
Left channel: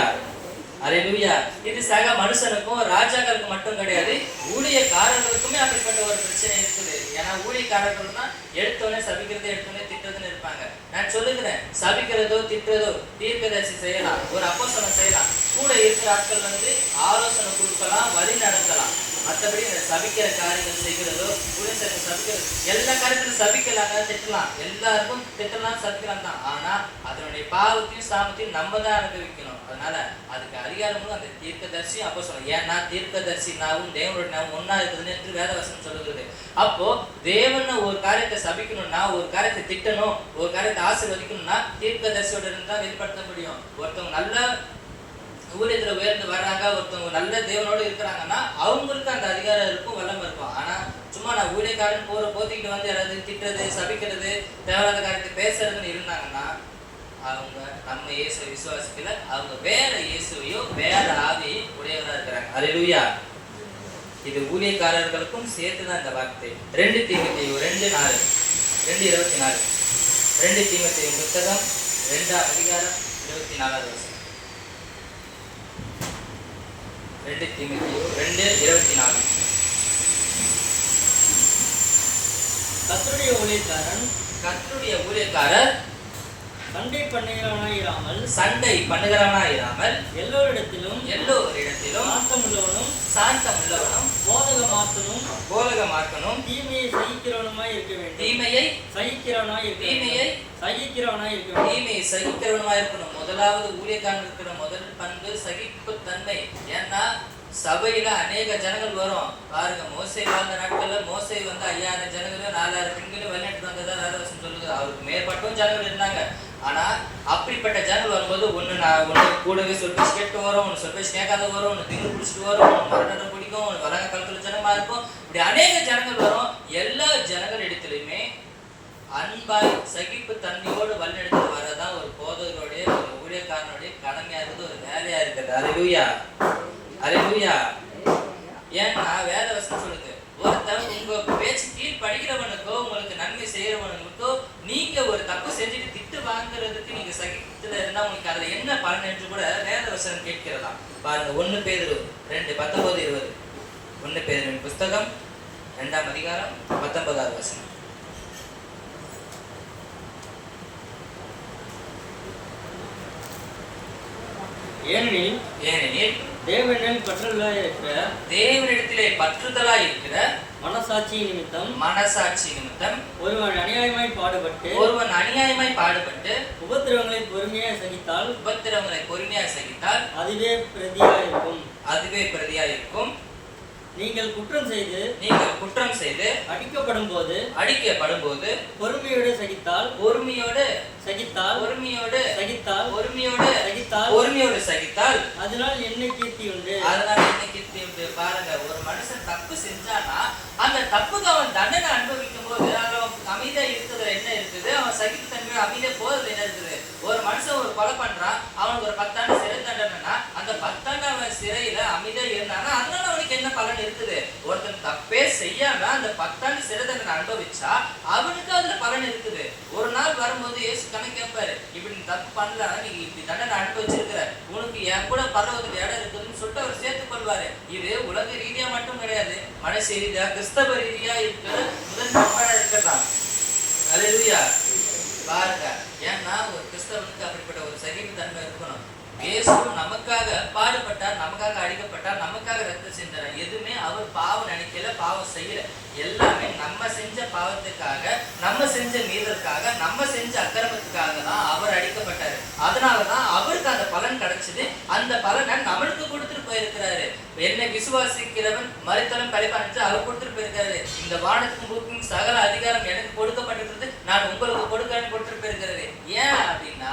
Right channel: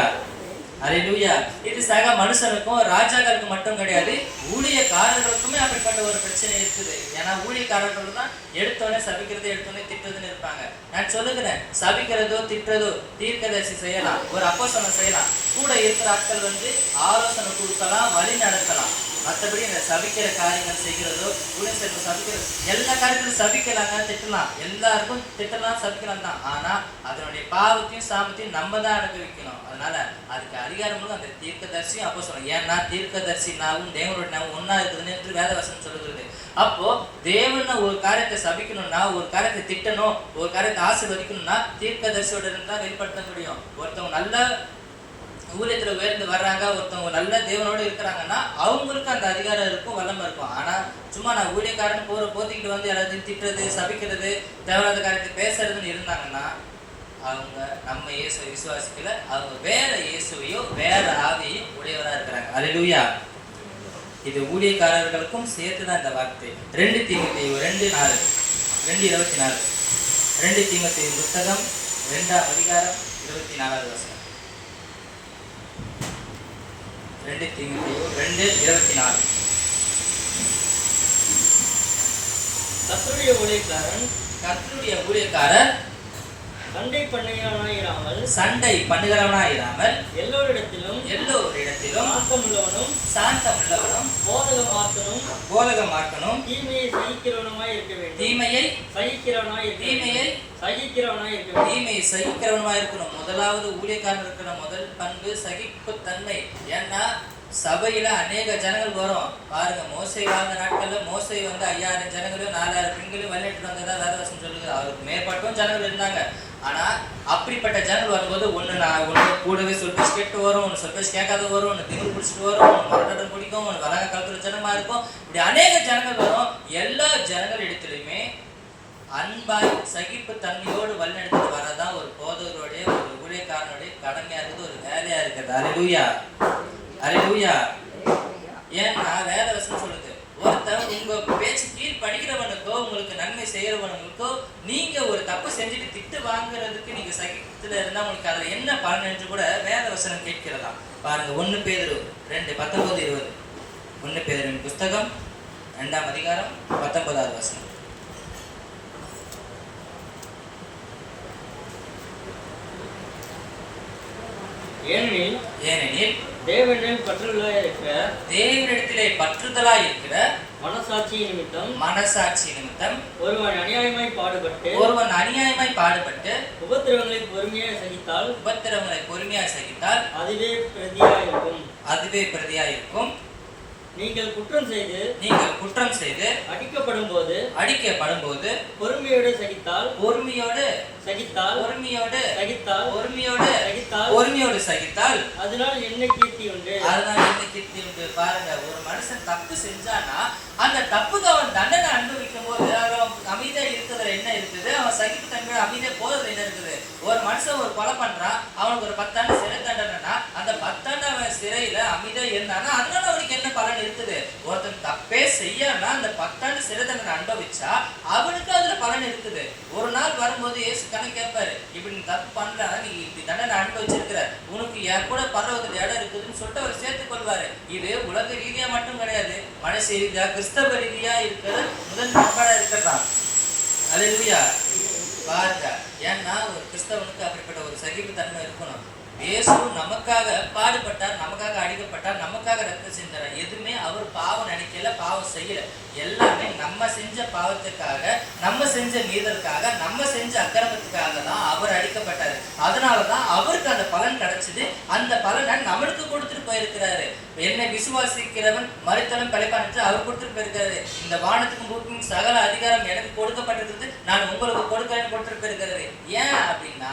அல்லேலூயா. இது சக மனுஷனுக்கும் ராஜாக்களுக்கு மட்டும் கிடையாது, ஊழியக்காரர்களுக்குமே அப்படிப்பட்ட ஒரு பிரச்சனை இருக்குது. ஏன்னா ஊழியக்காரர்கள் தான் எடுத்தோடனே சபிக்கிறது, எடுத்தோடனே திட்டுறதுன்னு இருப்பாங்க. நான் சொல்லுகிறேன், சபிக்கிறதோ திட்டுறதோ தீர்க்கதரிசி செய்யலாம், ஒரு அப்போஸ்தலன் செய்யலாம். கூட இருக்கிற ஆட்கள் ஆலோசனை கொடுக்கலாம், வழி நடத்தலாம். மற்றபடி இந்த சபிக்கிற காரியங்கள் செய்கிறதோ ஊழியர்கள் சபிக்கிறது எல்லா காரியத்திலும் சபிக்கலாங்க, திட்டலாம், எல்லாருக்கும் திட்டலாம், சபிக்கலாம் தான். ஆனா அதனுடைய பாவத்தையும் சாபத்தையும் நம்ம தான் அனுபவிக்கணும். அதனால அதுக்கு அதிகாரமும் அந்த தீர்க்கதரிசியும் அப்போ சொல்லணும். ஏன்னா தீர்க்கதரிசி நாவும் தேவனுடைய நாவும் ஒன்னா இருக்குதுன்னு என்று வேதவசனம் சொல்லுகிறது. அப்போ தேவன் ஒரு காரியத்தை சபிக்கணும்னா, ஒரு காரியத்தை திட்டணும், ஒரு காரியத்தை ஆசீர்வதிக்கணும்னா தீர்க்கதரிசியோட இருந்து தான் வெளிப்படுத்த முடியும். ஒருத்தவங்க நல்ல ஊழியத்துல உயர்ந்து வர்றாங்க, ஒருத்தவங்க நல்ல தேவனோடு இருக்கிறாங்கன்னா அவங்களுக்கு அந்த அதிகாரம் இருக்கும், வல்லமை இருக்கும். ஆனா சும்மா நான் ஊழியக்காரன் போத்திக்கிட்டு வந்து எல்லாத்தையும் திட்டுறது, சபிக்கிறது, தேவையில்லாத காரியத்தை பேசுறதுன்னு இருந்தாங்கன்னா அவங்க நம்ம இயேசுவை விசுவாசிக்கல, அவங்க வேற இயேசுவையோ வேற ஆவியையும் உடையவரா இருக்கிறாங்க. அல்லேலூயா. இது ஊழியக்காரர்களுக்கும் சேர்த்துதான் இந்த வார்த்தை. 2 தீமோத்தேயு 2:4 2:24. 2 தீமோத்தேயு புத்தகம் 2ஆம் அதிகாரம் 24வது வசனம். 2 தீமோத்தேயு 2:24. கர்த்தருடைய ஊழியக்காரர் சண்டை பண்ணுகிறவனாயிராமல் எல்லோரிடத்திலும் சாந்தமுள்ளவனும் போதக போதகமாக்கணும். தீமையை சகிக்கிறவனுமாய் இருக்க வேண்டும். தீமையை சகிக்கிறவனாய் தீமையை இருக்க வேண்டும். தீமையை சகிக்கிறவனுமா இருக்கணும். முதலாவது ஊழியக்காரன் இருக்கிற முதல் பண்பு சகிப்புத்தன்மை. ஏன்னா சபையில அநேக ஜனங்கள் வரும் பாருங்க. மோசே வாழ்ந்த நாட்கள்ல மோசே 5000 ஜனங்களும் 4000 பெண்களும் வழிநடத்தி வந்ததா வேதவசனம் சொல்லுது. அவருக்கு மேற்பட்டும் ஜனங்கள் இருந்தாங்க. ஆனா அப்படிப்பட்ட ஜனங்கள் வரும்போது ஒண்ணு கூடவே சொல் பேச்சு கேட்டு வரும், ஒண்ணு சொல் பேச்சு கேட்காத வரும், ஒண்ணு திமிரு பிடிச்சிட்டு வரும், ஒண்ணு மரணம் பிடிக்கும், ஒண்ணு வலக காலத்துல ஜனமா இருக்கும். இப்படி அநேக ஜனங்கள் வரும். எல்லா ஜனங்கள் இடத்துலயுமே அன்பாய் சகிப்பு தன்மையோடு வழிநடத்திட்டு வரதான் ஒரு போதகருடைய ஒரு ஊழியக்காரனுடைய கடமையா இருக்குது, ஒரு வேலையா இருக்குது. அல்லேலூயா, அல்லேலூயா. ஏன்னா வேதவசனம் சொல்லுது, ஒருத்தன் உங்க பேச்சு கீழ் படிக்கிறவனுக்கோ உங்களுக்கு நன்மை செய்யறவனுக்கோ நீங்க ஒரு தப்பு செஞ்சுட்டு திட்டு வாங்குறதுக்கு நீங்க சகித்துல இருந்தா உங்களுக்கு அதுல என்ன பலன் என்று கூட வேதவசனம் கேட்கிறதா பாருங்க. 1 பேதுரு 2:19-20. 1 பேதுரு புஸ்தகம் 2ஆம் அதிகாரம் 19வது வசனம். ஏனெனில் தேவனிடத்திலே பற்றுதலாய் இருக்கிற மனசாட்சி நிமித்தம் ஒருவன் அநியாயமாய் பாடுபட்டு உபத்திரவங்களை பொறுமையாய் சகித்தால் அதுவே பிரதியாய் இருக்கும். நீங்கள் குற்றம் செய்து அடிக்கப்படும் போது பொறுமையோடு சகித்தால் அதனால் என்ன கீர்த்தி உண்டு. பாருங்க, ஒரு மனுஷன் தப்பு செஞ்சானா அந்த தப்புக்கு அவன் தண்டனை அனுபவிக்கும் போது அமைதியா இருக்கிறது என்ன இருக்குது, அவன் சகிப்பு தன்மையோட அமைதியா போறது என்ன இருக்குது. ஒரு மனுஷன் ஒரு கொலை பண்றான், அவனுக்கு ஒரு 10 ஆண்டு சிறை தண்டனைனா அந்த 10 ஆண்டு அவன் சிறையில அமைதியா இருந்தானா அதனால அவனுக்கு என்ன பலன் இருக்குது. ஒருத்தன் தப்பே செய்யாம அந்த 10 ஆண்டு சிறை தண்டனை அனுபவிச்சா அவனுக்கு அதுல பலன் இருக்குது. ஒரு நாள் வரும்போது இயேசு கணக்கு கேட்பாரு, இப்படி நீ தப்பு பண்ணலன்னா நீ இப்படி தண்டனை அனுபவிச்சிருக்கிற, உனக்கு என் கூட பரலோகத்துல இடம் இருக்குதுன்னு சொல்லிட்டு அவர் சேர்த்துக் கொள்வாரு. இது உலக ரீதியா மட்டும் கிடையாது, மனசு ரீதியா கிறிஸ்தவ ரீதியா இருக்கிறது முதல் பண்பாடா இருக்கிறதான். அல்லேலூயா. பாருங்க, ஏன்னா ஒரு கிறிஸ்தவனுக்கு அப்படிப்பட்ட ஒரு சகிப்பு தன்மை இருக்கணும். இயேசு நமக்காக பாடுபட்டார், நமக்காக அடிக்கப்பட்டார், நமக்காக ரத்தம் சிந்தினார். எதுவுமே அவர் பாவம் நினைக்கல, பாவம் செய்யல. எல்லாமே நம்ம செஞ்ச பாவத்துக்காக, நம்ம செஞ்ச மீறலுக்காக, நம்ம செஞ்ச அக்கிரமத்துக்காக தான் அவர் அடிக்கப்பட்டாரு. அதனாலதான் அவருக்கு அந்த பலன் கிடைச்சது. அந்த பலனை நம்மளுக்கு கொடுத்துட்டு போயிருக்கிறாரு. என்னை விசுவாசிக்கிறவன் மரித்தாலும் பிழைப்பான் அவர் கொடுத்துட்டு போயிருக்காரு. இந்த வானத்துக்கும் பூமிக்கும் சகல அதிகாரம் எனக்கு கொடுக்கப்பட்டிருக்கிறது, நான் உங்களுக்கு கொடுக்கிறேன்னு கொடுத்துட்டு போயிருக்கிறாரு. ஏன் அப்படின்னா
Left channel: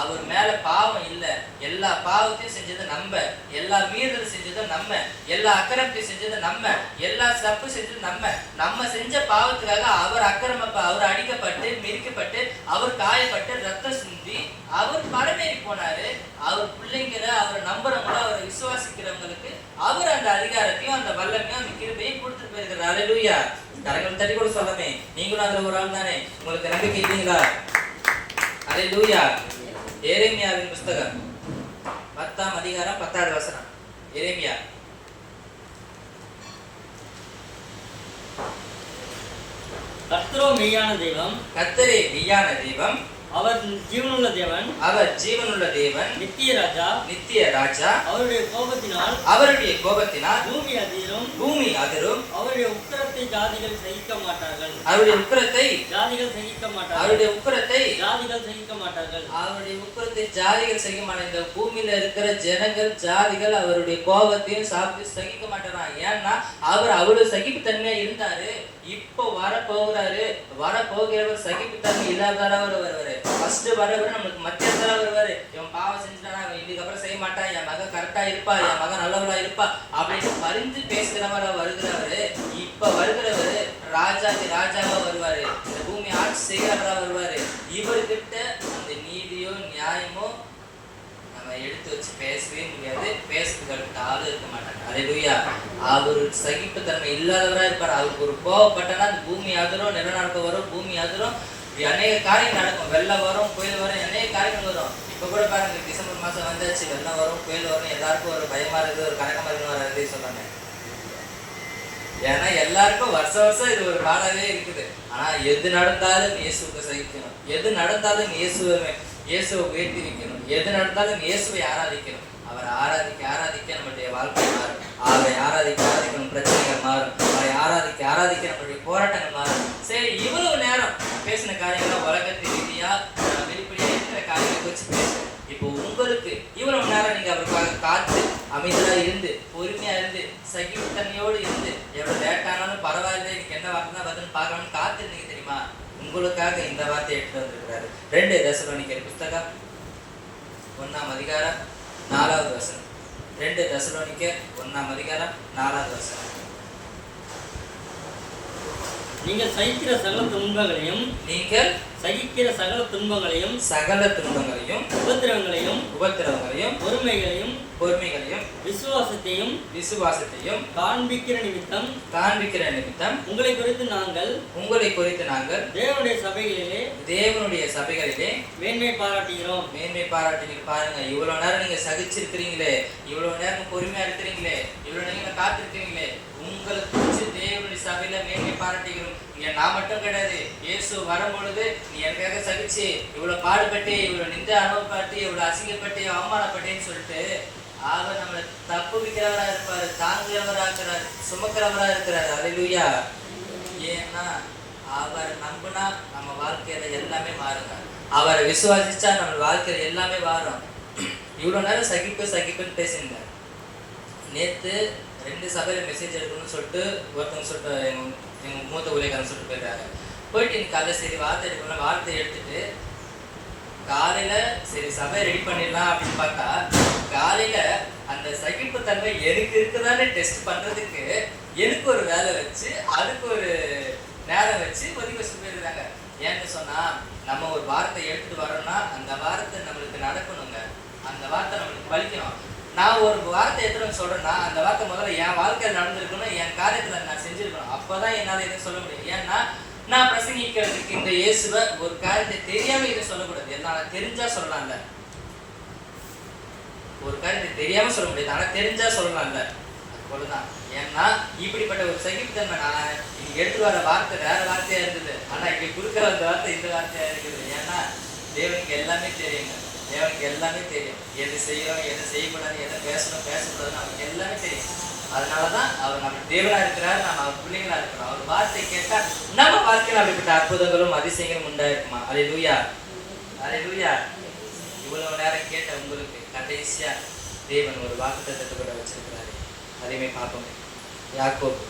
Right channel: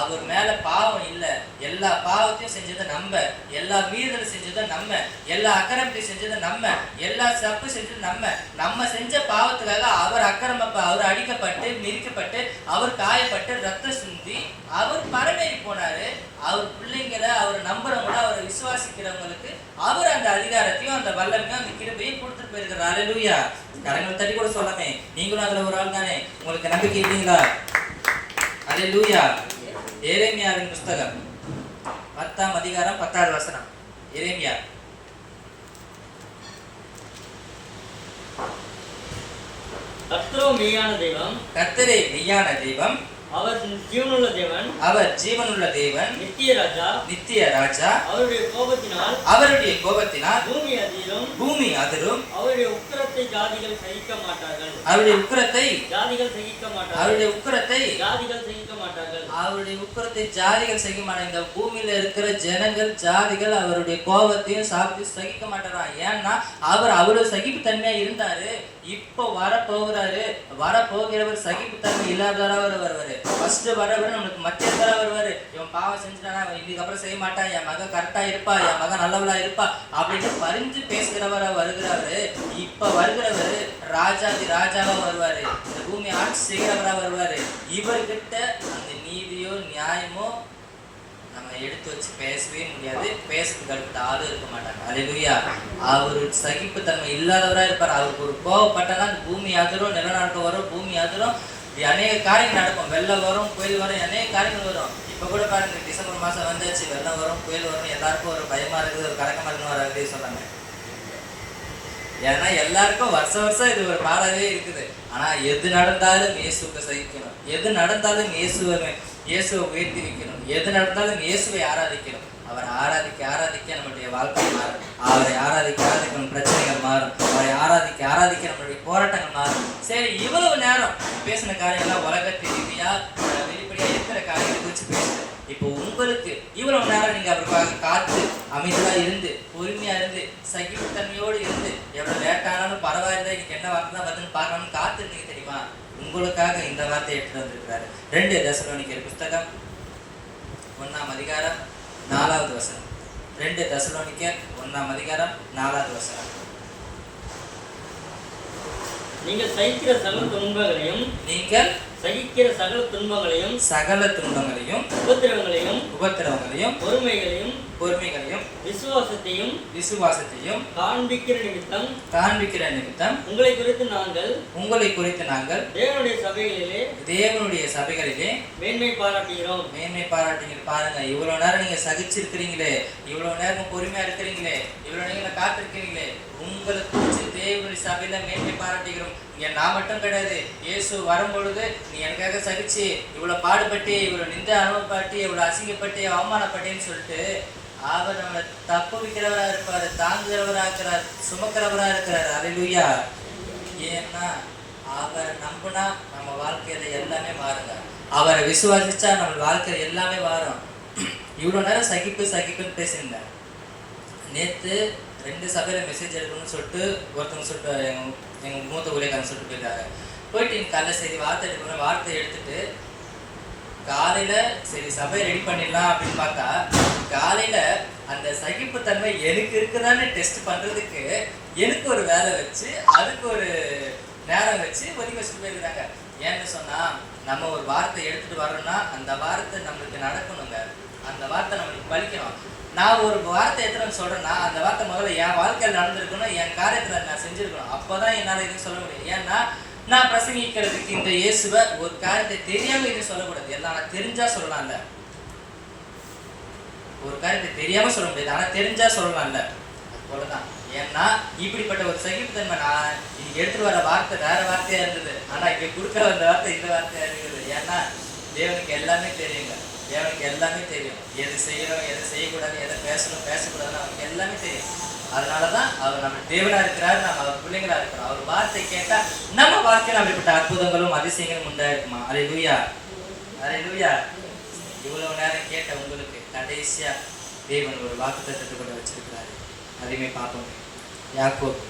அவர் மேல பாவம் இல்லை. எல்லா பாவத்தையும் செஞ்சது நம்ம, எல்லா மீறல் செஞ்சது நம்ம, எல்லா அக்கிரமத்தையும் செஞ்சது நம்ம, எல்லா தப்பு செஞ்சது நம்ம செஞ்ச பாவத்துக்காக அவர் அவர் அடிக்கப்பட்டு மிதிக்கப்பட்டு அவர் காயப்பட்டு ரத்தம் சிந்தி அவர் பரமேறி போனாரு. அவர் பிள்ளைங்களை அவர் நம்புறவங்கள அவர் விசுவாசிக்கிறவங்களுக்கு அவர் அந்த அதிகாரத்தையும் அந்த வல்லமையும் அந்த கிருபையும் கொடுத்துட்டு போயிருக்கிறார். அல்லேலூயா. கரங்கள் தட்டி கூட சொல்லமே, நீங்களும் அதுல ஒரு ஆள் தானே, உங்களுக்கு நம்பிக்கை இல்லைங்களா? அல்லேலூயா. எரேமியாவின் புஸ்தகம் 10ஆம் அதிகாரம் 10வது வசனம். எரேமியா. கர்த்தரே மெய்யான தெய்வம், அவர் ஜீவனுள்ள தேவன், நித்திய ராஜா. அவருடைய கோபத்தினால் பூமி அதிரும். அவருடைய உக்கிரத்தை ஜாதிகள் சகிக்க மாட்டார்கள். அவருடைய உக்கிரத்தை ஜாதிகள் சகிக்க மாட்டார்கள். இந்த பூமியில இருக்கிற ஜனங்கள் ஜாதிகள் அவருடைய கோபத்தையும் சாப்பிட்டு சகிக்க மாட்டாரா. ஏன்னா அவர் அவ்வளவு சகிப்பு தன்மையா இருந்தாரு. இப்போ வரப்போகிறவர் சகிப்பு தன்மை இல்லாதவராக வருவாரு. ஃபர்ஸ்ட் வரவர் நம்மளுக்கு மத்தியஸ்தரா வருவாரு. இவன் பாவம் செஞ்சுட்டானா, அவன் இதுக்கப்புறம் செய்ய மாட்டான், என் மகன் கரெக்டா இருப்பா, என் மகன் நல்லவளா இருப்பா அப்படின்னு பரிந்து பேசுகிறவரா வருகிறவரு. இப்ப வருகிறவரு ராஜாவா வருவாரு. இந்த பூமி ஆட்சி செய்கிறவரா வருவாரு. இவர்கிட்ட அந்த நீதியோ நியாயமோ நம்ம எடுத்து வச்சு பேசவே முடியாது. பேசுறதுக்கு அடுத்த ஆளும் இருக்க மாட்டாங்க. அல்லேலூயா. அவர் சகிப்பு தன்மை இல்லாதவரா இருப்பார். அவருக்கு ஒரு கோவப்பட்டனா அந்த பூமி அதிரும், நிலநடுக்கம் வரும், பூமி அதிரும், அநேக காரியங்கள் நடக்கும். வெள்ளம் வரும், புயல் வரும், அநேக காரியங்கள் வரும். இப்ப கூட பாருங்க, டிசம்பர் மாசம் வந்துச்சு, வெள்ளம் வரும், புயல் வரும், எல்லாருக்கும் ஒரு பயமா இருக்குது, ஒரு கணக்கமா இருக்குன்னு சொன்னாங்க. ஏன்னா எல்லாருக்கும் வருஷம் இது ஒரு பாடாவே இருக்குது. ஆனா எது நடந்தாலும் இயேசுவை சகிக்கணும். எது நடந்தாலும் இயேசுவை உயர்த்தி வைக்கணும். எது நடந்தாலும் இயேசுவை ஆராதிக்கணும். அவரை ஆராதிக்க நம்முடைய வாழ்க்கை மாறும். அவரை ஆராதிக்க பிரச்சனைகள் மாறும். அவரை விவாதிக்க நம்மளுடைய போராட்டங்கள் மாறும். சரி, இவ்வளவு நேரம் பேசின காரியங்கள்லாம் உலகத்து ரீதியா வெளிப்படையா இருக்கிற காரியங்களை வச்சு பேசுறேன். இப்போ உங்களுக்கு இவ்வளவு நேரம் நீங்க அவருக்காக காத்து அமைதியா இருந்து பொறுமையா இருந்து சகிப்புத்தன்மையோடு இருந்து எவ்வளவு லேட்டானாலும் பரவாயில்லை, இன்னைக்கு என்ன வார்த்தை தான் வருதுன்னு பார்க்கணும்னு காத்து இருந்தீங்க தெரியுமா? உங்களுக்காக இந்த வார்த்தையை எடுத்து வந்திருக்கிறாரு. 2 தெசலோனிக்கர் புஸ்தகம் 1ஆம் அதிகாரம் 4வது வசனம். 2 தெசலோனிக்கர் 1ஆம் அதிகாரம் 4வது வசனம். நீங்கள் சகிக்கிற சகல துன்பங்களையும் சகல துன்பங்களையும் உபத்திரவங்களையும் பொறுமைகளையும் விசுவாசத்தையும் காண்பிக்கிற நிமித்தம் உங்களை குறித்து நாங்கள் தேவனுடைய சபைகளிலே மேன்மை பாராட்டுகிறோம். பாருங்க, இவ்வளவு நேரம் நீங்க சகிச்சிருக்கிறீங்களே, இவ்வளவு நேரம் பொறுமையா இருக்கிறீங்களே, இவ்வளவு நேரம் காத்திருக்கிறீங்களே, உங்களுக்கு குறித்து தேவனுடைய சபையில மேன்மை பாராட்டுகிறோம். இங்க நான் மட்டும் கிடையாது, இயேசு வரும்பொழுது நீ எனக்காக சகிச்சு இவ்வளவு பாடுபட்டு இவ்வளவு நின்ற அனுபவப்பட்டு இவ்வளவு அசிங்கப்பட்டு அவமானப்பட்டேன்னு சொல்லிட்டு அவர் நம்ம தப்புவிக்கிறவராக இருப்பாரு, தாங்குகிறவராக இருக்கிறார், சுமக்கிறவராக இருக்கிறார். அல்லேலூயா. ஏன்னா அவரை நம்பினா நம்ம வாழ்க்கையில எல்லாமே மாறுங்க. அவரை விசுவாசிச்சா நம்ம வாழ்க்கையில எல்லாமே மாறும். இவ்வளவு நேரம் சகிப்புன்னு பேசியிருந்தார். நேற்று 2 சபையில மெசேஜ் எடுக்கணும்னு சொல்லிட்டு ஒருத்தவங்க சொல்லிட்டு எங்க மூத்த ஊழியக்காரங்க சொல்லிட்டு போயிருக்காங்க. போயிட்டு இன்னைக்கு காலைல சரி வார்த்தை எடுக்கணும், வார்த்தை எடுத்துட்டு காலையில சரி சபையை ரெடி பண்ணிடலாம் அப்படின்னு பார்த்தா காலையில அந்த சகிப்புத்தன்மை எனக்கு இருக்குதான்னு டெஸ்ட் பண்றதுக்கு எனக்கு ஒரு வேலை வச்சு அதுக்கு ஒரு நேரம் வச்சு ஒதுக்கி வச்சுட்டு போயிருக்கிறாங்க. ஏன்னு சொன்னா நம்ம ஒரு வார்த்தை எடுத்துட்டு வரோம்னா அந்த வார்த்தை நம்மளுக்கு நடக்கணுங்க, அந்த வார்த்தை நம்மளுக்கு பலிக்கணும். நான் ஒரு வார்த்தை எடுத்துன்னு சொல்றேன்னா அந்த வார்த்தை முதல்ல என் வாழ்க்கையில் நடந்திருக்கணும், என் காரியத்துல நான் செஞ்சிருக்கணும். அப்பதான் என்னால எதுவும் சொல்ல முடியும். ஏன்னா நான் பிரசங்கிக்கிறதுக்கு இந்த இயேசுவை ஒரு காரியத்தை தெரியாம இதை சொல்லக்கூடாது. எல்லாம் தெரிஞ்சா சொல்லலாம்ல, ஒரு காரியத்தை தெரியாம சொல்ல முடியாது, ஆனா தெரிஞ்சா சொல்லலாம்ல, அவ்வளவுதான். ஏன்னா இப்படிப்பட்ட ஒரு சகிப்புத்தன்மை நான் இங்க எடுத்துட்டு வர வார்த்தை வேற வார்த்தையா இருந்தது, ஆனா இங்க குறுக்க வந்த வார்த்தை இந்த வார்த்தையா இருக்குது. ஏன்னா தேவனுக்கு எல்லாமே தெரியுங்க, தேவனுக்கு எல்லாமே தெரியும். எது செய்யறோம், எது செய்யக்கூடாது, எதை பேசக்கூடாதுன்னு அவருக்கு எல்லாமே தெரியும். அதனாலதான் அவர் நம்ம தேவனா இருக்கிறார், நம்ம அவர் பிள்ளைங்களா இருக்கிறோம். அவர் வார்த்தை கேட்டா நம்ம வாழ்க்கையில் அப்படிப்பட்ட அற்புதங்களும் அதிசயங்களும் உண்டாயிருக்குமா? அல்லேலூயா, அல்லேலூயா. இவ்வளவு நேரம் கேட்ட உங்களுக்கு கடைசியா தேவன் ஒரு வாக்குத்தத்தத்தை கூட வச்சிருக்கிறாரு. அதையுமே பார்ப்போம். யாக்கோபு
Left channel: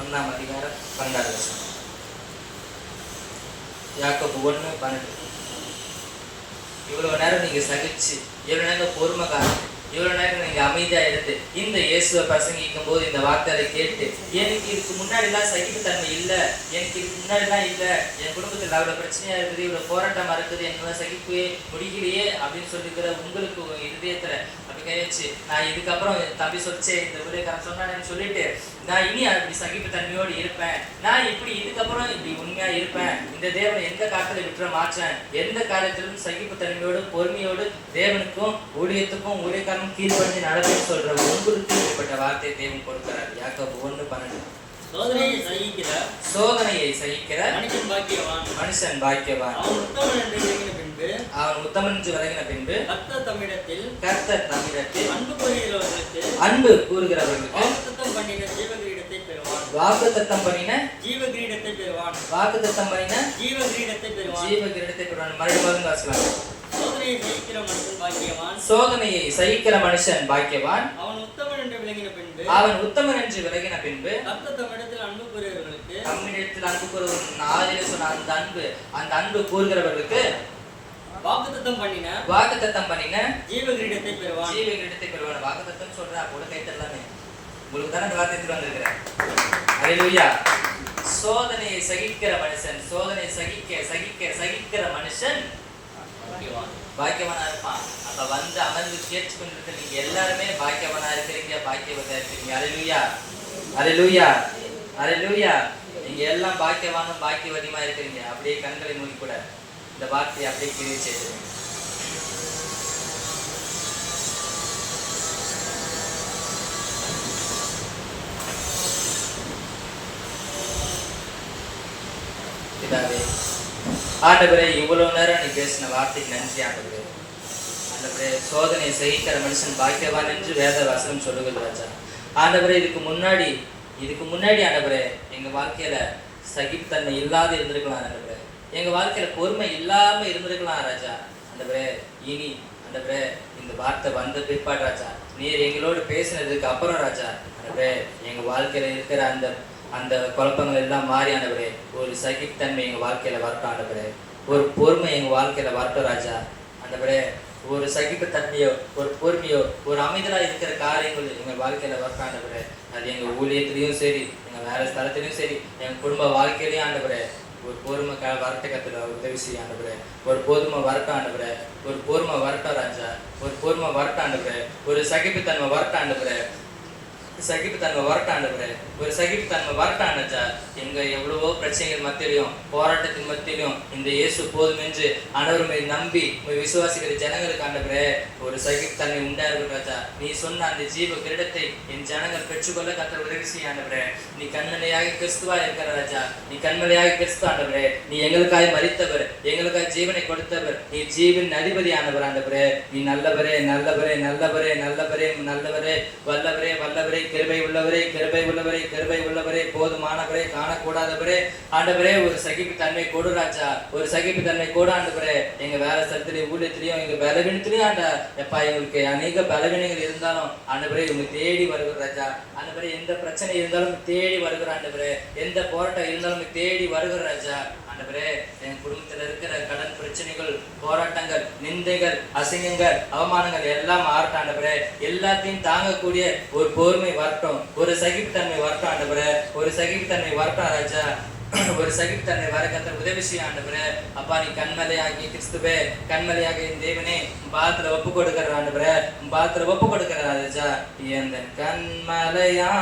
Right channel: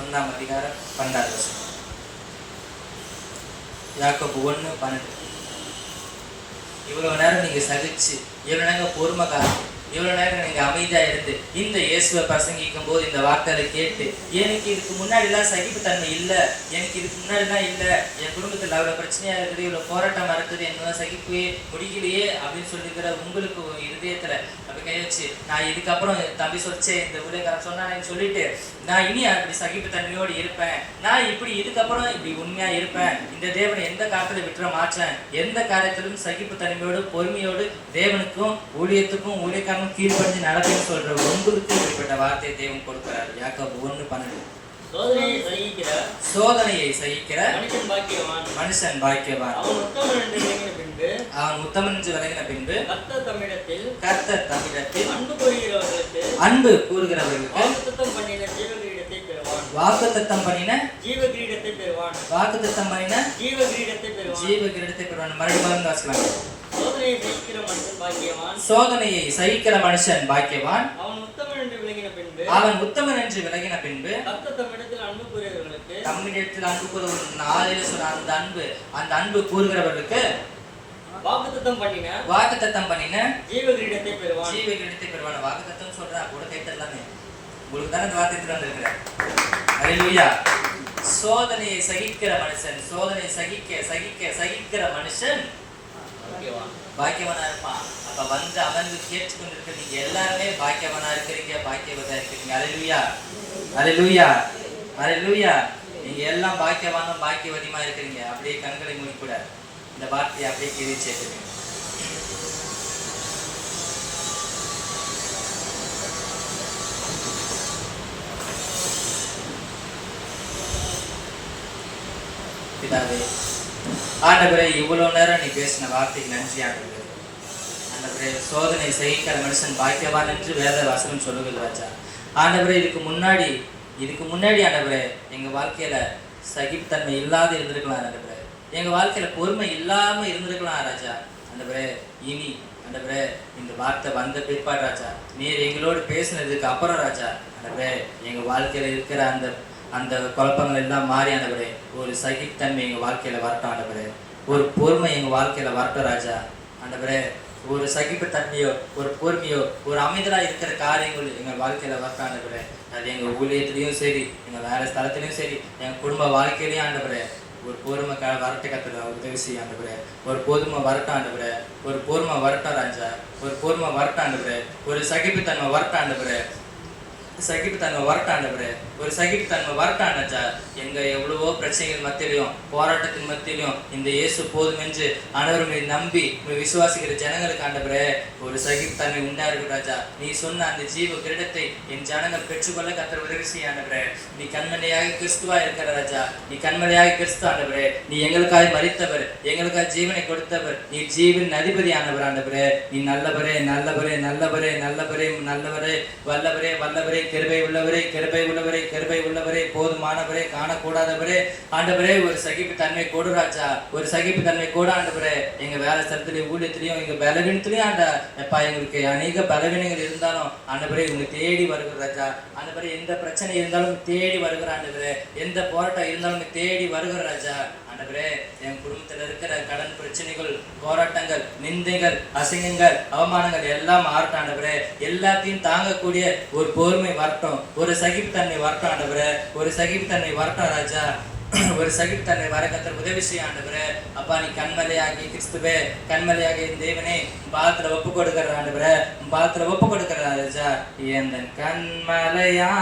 1ஆம் அதிகாரம் 12வது வசனம். யாக்கோபு 1:12. இவ்வளவு நேரம் நீங்க சகிச்சு, இவ்வளவு நேரம் பொறுமைக்காரன், இவ்வளவு நேரம் நீங்க அமைதியா இருந்து இந்த இயேசுவை பிரசங்கிக்கும் போது இந்த வார்த்தையை கேட்டு எனக்கு இதுக்கு முன்னாடி எல்லாம் சகிப்புத்தன்மை இல்லை, எனக்கு இதுக்கு முன்னாடி எல்லாம் இல்லை, என் குடும்பத்தில் அவ்வளவு பிரச்சனையா இருக்குது, இவ்வளவு போராட்டமா இருக்குது, எனக்கு சகிப்பே முடியலையே அப்படின்னு சொல்லிக்கிற உங்களுக்கு இருதயத்துல அப்படி கையச்சு நான் இதுக்கப்புறம் தம்பி சொச்சே இந்த ஊழியக்காரன் சொன்னான்னு சொல்லிட்டு நான் இனி அப்படி சகிப்புத்தன்மையோடு இருப்பேன், நான் இப்படி இதுக்கப்புறம் இப்படி உண்மையா இருப்பேன், இந்த தேவனை எந்த காலத்துல விட்டுற மாற்றேன், எந்த காலத்திலும் சகிப்புத்தன்மையோடு பொறுமையோடு தேவனுக்கும் ஊழியத்துக்கும் ஊழியக்காரனும் கீழ்படிஞ்சு நடக்கும்னு சொல்ற உங்களுக்கு இப்படிப்பட்ட வார்த்தையை தேவன் கொடுக்கிறார். யாக்கோபு 1:12. சோதனையை சகிக்கிற மனுஷன் பாக்கியவான். அவன் உத்தமன் என்று விளங்கின பின்பு கர்த்தர் தம்மிடத்தில் அன்பு கூறுகிறவர்களுக்கு வாக்குத்தத்தம் பண்ணின ஜீவ கிரீடத்தை பெறுவான். மறுபடியும் வாசிக்கலாம். சோதனையை சகிக்கிற மனுஷன் பாக்கியவான். அவன் உத்தமன் என்று விளங்கின பின்பு தம்மிடத்தில் அன்பு கூறுகிறவர்களுக்கு அந்த அன்பு கூறுகிறவர்களுக்கு வாக்குத்தத்தம் பண்ணின ஜீவ கிரீடத்தை பெறுவான். வாக்குத்தத்தம் சொல்றா கூட கைத்தரலாமே, உங்களுக்கு தானே இந்த வார்த்தை வந்திருக்கிறேன். அல்லேலூயா. சோதனையை சகிக்கிற மனுஷன், சோதனையை சகிக்கிற மனுஷன் பாக்கியவனா இருப்பான். அப்ப வந்து அமர்ந்து கேட்டு கொண்டிருக்க நீங்க எல்லாருமே பாக்கியவனா இருக்கிறீங்க, பாக்கியவதா இருக்கிறீங்க. அல்லேலூயா, அல்லேலூயா, அல்லேலூயா. நீங்க எல்லாம் பாக்கியவானும் பாக்கியவதியமா இருக்கிறீங்க. அப்படியே கண்களை மூடி கூட இந்த வார்த்தையை அப்படியே கீழே சேர்த்துருங்க. பிதாவே, ஆண்டவரே, இவ்வளவு நேரம் நீ பேசின வார்த்தைக்கு நன்றி ஆண்டவரே. ஆண்டவரே, சோதனை சகிக்கிற மனுஷன் பாக்கியவான் என்று வேத வசனம் சொல்லுகிறது ராஜா. ஆண்டவரே, இதுக்கு முன்னாடி இதுக்கு முன்னாடி ஆண்டவரே எங்க வாழ்க்கையில சகிப்புத்தன்மை இல்லாத இருந்திருக்கலாம் ஆண்டவரே, எங்க வாழ்க்கையில பொறுமை இல்லாம இருந்திருக்கலாம் ராஜா. ஆண்டவரே இனி ஆண்டவரே இந்த வார்த்தை வந்த பிற்பாடு ராஜா, நீர் எங்களோடு பேசினதுக்கு அப்புறம் ராஜா, ஆண்டவரே எங்க வாழ்க்கையில இருக்கிற அந்த அந்த குழப்பங்கள் எல்லாம் மாறி ஆண்டவரே ஒரு சகிப்புத்தன்மை எங்க வாழ்க்கையில வரட்டும் ஆண்டவரே, ஒரு பொறுமை எங்க வாழ்க்கையில வரட்டும் ராஜா. ஆண்டவரே ஒரு சகிப்புத்தன்மையோ ஒரு பொறுமையோ ஒரு அமைதலா இருக்கிற காரியங்கள் எங்க வாழ்க்கையில வரட்டும் ஆண்டவரே. அது எங்க ஊழியத்திலையும் சரி, எங்க வேற ஸ்தலத்திலையும் சரி, எங்க குடும்ப வாழ்க்கையிலையும் ஆண்டவரே ஒரு பொறுமை வரட்ட கத்துல உதவி செய்ய ஆண்டவரே. ஒரு பொறுமை வரட்டும் ஆண்டவரே, ஒரு பொறுமை வரட்டும் ராஜா, ஒரு பொறுமை வரட்டும் ஆண்டவரே, ஒரு சகிப்புத்தன்மை வரட்டும் ஆண்டவரே, சகிப்புத்தன்மை வரட்டாண்டவரே, ஒரு சகிப்புத்தன்மை வரட்டாண்டா. எங்க எவ்வளவோ பிரச்சனைகள் மத்தியிலையும் போராட்டத்தின் மத்தியிலும் இந்த இயேசு போதும் என்று ஆண்டவரை நம்பி விசுவாசிக்கிற ஜனங்களுக்கு ஆண்டவரே ஒரு சகிப்புத்தன்மை உண்டா இருக்கும் ராஜா. நீ சொன்ன அந்த ஜீவ கிரீடத்தை என் ஜனங்கள் பெற்றுக்கொள்ள கர்த்தர் உதவி செய்ய ஆண்டவரே. நீ கண்மலையாக கிறிஸ்துவா இருக்கிற ராஜா, நீ கண்மலையாக கிறிஸ்து ஆண்டவரே. நீ எங்களுக்காக மரித்தவர், எங்களுக்காக ஜீவனை கொடுத்தவர், நீ ஜீவன் அதிபதி ஆண்டவர் ஆண்டவரே. நீ நல்லவரே நல்லவரே நல்லவரே நல்லவரே நல்லவரே வல்லவரே வல்லவரே கிருபை உள்ளவரே கிருபை உள்ளவரே கிருபை உள்ளவரே போதுமானவரே காணக்கூடாதவரே ஆண்டவரே. ஒரு சகிப்பு தன்மை கொடு ராஜா, ஒரு சகிப்பு தன்மை கூட ஆண்டவரே. எங்க வேலை ஸ்தலத்திலையும் ஊழியத்திலையும் எங்க பலவீனத்திலையும் ஆண்டா எப்பா எங்களுக்கு அநேக பலவீனங்கள் இருந்தாலும் ஆண்டவரே இவங்க தேடி வருகிற ராஜா. ஆண்டவரே எந்த பிரச்சனை இருந்தாலும் தேடி வருகிற ஆண்டவரே, எந்த போராட்டம் இருந்தாலும் தேடி வருகிற ராஜா. ஆண்டவரே என் குடும்பத்தில் இருக்கிற கடன் பிரச்சனைகள் போராட்டங்கள் நிந்தைகள் அசிங்கங்கள் அவமானங்கள் எல்லாம் மாறட்டும் ஆண்டவரே. எல்லாத்தையும் தாங்கக்கூடிய ஒரு பொறுமை வரட்டும், ஒரு சகிப்புத்தன்மை வரட்டும் ஆண்டவரே, ஒரு சகிப்புத்தன்மை வரட்டும் ராஜா. ஒரு சகிப்புத்தன்மை வர கர்த்தர் உதவி செய்ய ஆண்டவரே. அப்பா நீ கண்மலையாகி கிறிஸ்துவே கண்மலையாக என் தேவனே பாதத்துல ஒப்பு கொடுக்கிற ஆண்டவரே, பாதத்துல ஒப்பு கொடுக்கிற ராஜா. எந்த கண்மலையானவரே